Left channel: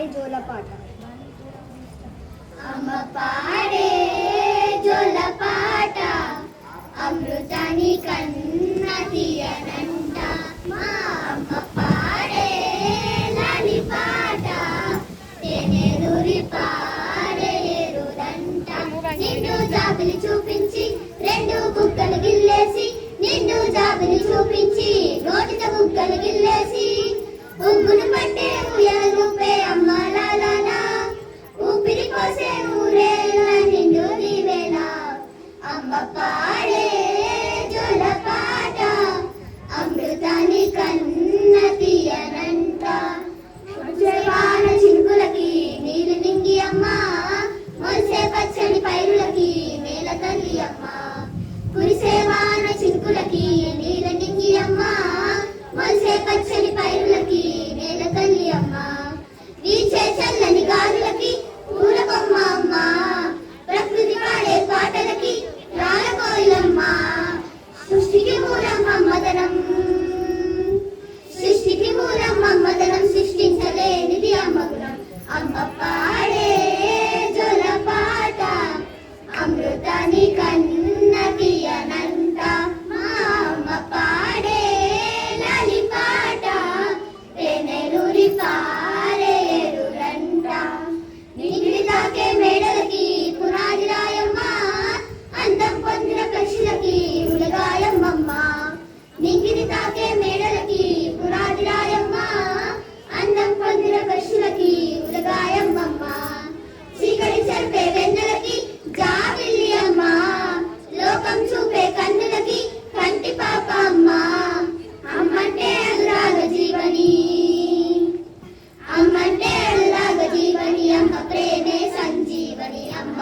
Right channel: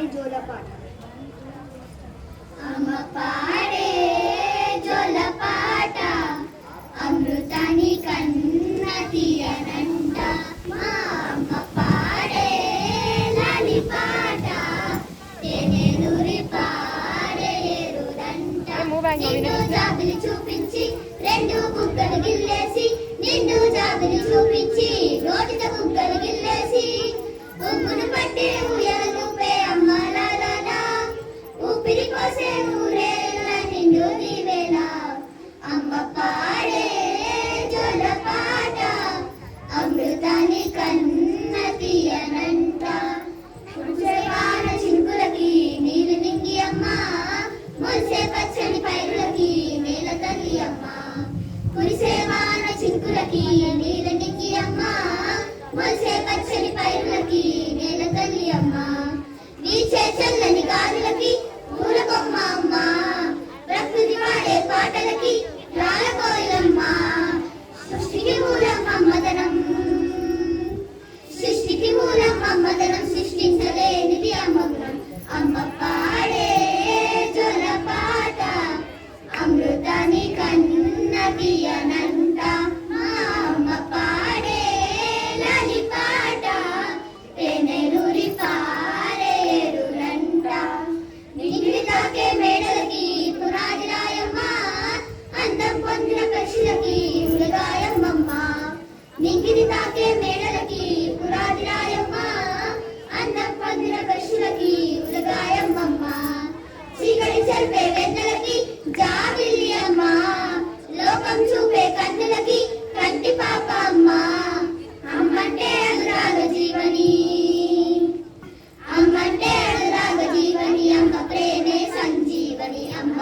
పాడే జోలపాట. అమ్మ పాడే జోలపాట అమృతాని కన్న తీయనంట. మా అమ్మ పాడే లాలి పాట తేనెలూరి పాడేరుదంట. నిన్ను జాబిలి చూపించి రెండు బుగ్గలు గిల్లేసి, నిన్ను జాబిలి చూపించి నోటితో బుగ్గలు గిల్లేసి, ఉగ్గును పట్టే ఉయ్యాలూపే అమ్మ లాలా, ఊపిరి పోసే ఊరేళ్ళ నిండు దీవేళ. అమ్మ పాడే జోలపాట అమృతాని కన్న తీయనంట. కురిసే వాన చినుకులకి నీళ్ళు నింగి అమ్మ, మొలిసే పచ్చని పైరులకి నేల తల్లి అమ్మ. కురిసే వాన చినుకులకి నీళ్ళు నింగి అమ్మ, మొలిసే పచ్చని పైరులకి నేల తల్లి అమ్మ. వీచే చల్లని గాలులకి పూల కొమ్మ అమ్మ, ప్రకృతి పాడే పాటలకి రాల కోయిలమ్మ. సృష్టికి మూలం మమ్మదనం, సృష్టికి మూలం మమ్మదనం, సృష్టించలేనిది అమ్మ గుణం. అమ్మ పాడే జోలపాట అమృతాని కన్న తీయనంట. మా అమ్మ పాడే లాలి పాట తేనెలూరి పారేరులంట. నింగిని తాకే మేడలకి పునాది రాయమ్మ, అందం పొందిన పక్షులకి ఉలగాయమ్మమ్మ. నింగిని తాకే మేడలకి పునాది రాయమ్మ, అందం పొందిన పక్షులకి ఉలగాయమ్మమ్మ. చీకటి చెరిపే వెన్నెలకి జాబిల్లి అమ్మ, లోకం చూపే కన్నులకి కంటి పాప అమ్మ. అమ్మంటే అనురాగ జీవని, అమ్మంటే అనురాగ జీవని, అమ్మ ప్రేమే సంజీవని. అమ్మ